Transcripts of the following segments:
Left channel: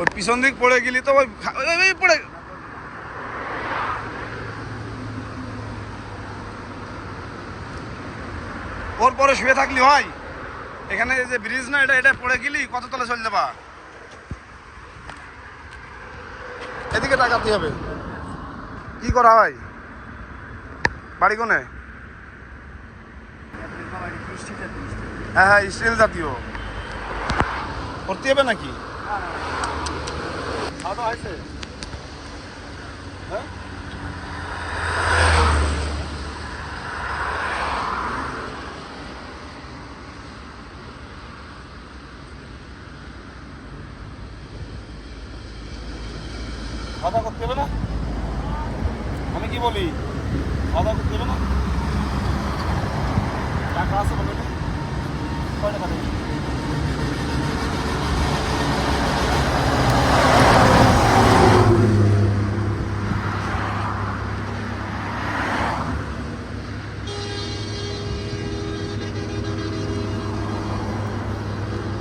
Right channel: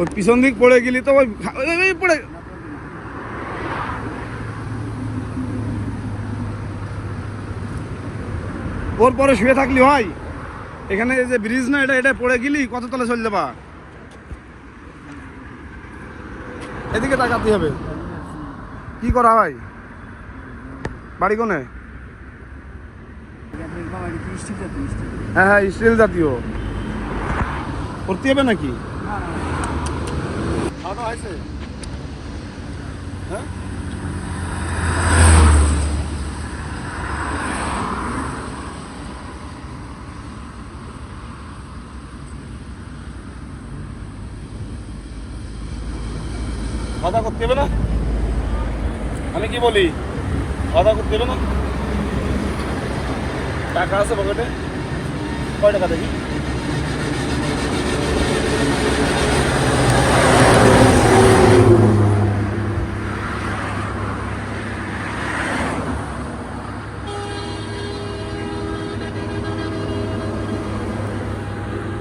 ওর পিছন দিক পড়ে গেলি তো ওই পড়ে ওর পরে শুয়ে থাকলি হয়। এখানে যে ব্রিজ না, এটা পড়ে গেলি কত তলে চলে যাবা। এদিকে টাকাতে হবে। কি করা হয় বাড়ি কোনে? হ্যাঁ হ্যাঁ, স্টিল জাতীয় করতে হবে নাকি? হ্যাঁ খাওয়া করতে হবে না? আমি কি বলি, খাওয়া করতে হবে না? টাকা আছে পকেটে? কয় টাকা দেখি?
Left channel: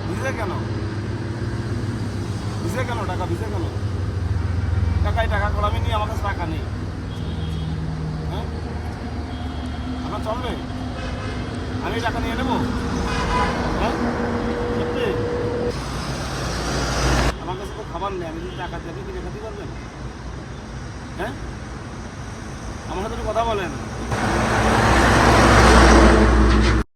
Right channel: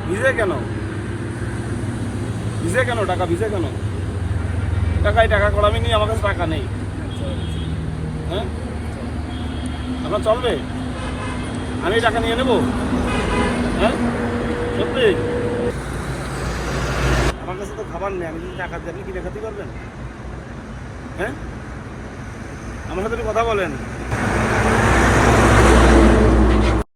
ভিজে কেন? ভিজে কেন? টাকা ভিজে কেন? টাকা করামি নি, আমার কাছে টাকা নেই। হ্যাঁ, এখন চলবে? আমি টাকা নিয়ে নেবো? হ্যাঁ সত্যি? আমার কাছে তো খাবার নেই, আমি যদি টাকা দিই আপনি কিনে খেতে পারবেন? হ্যাঁ, আমার সাথে একটু কথা বলেন।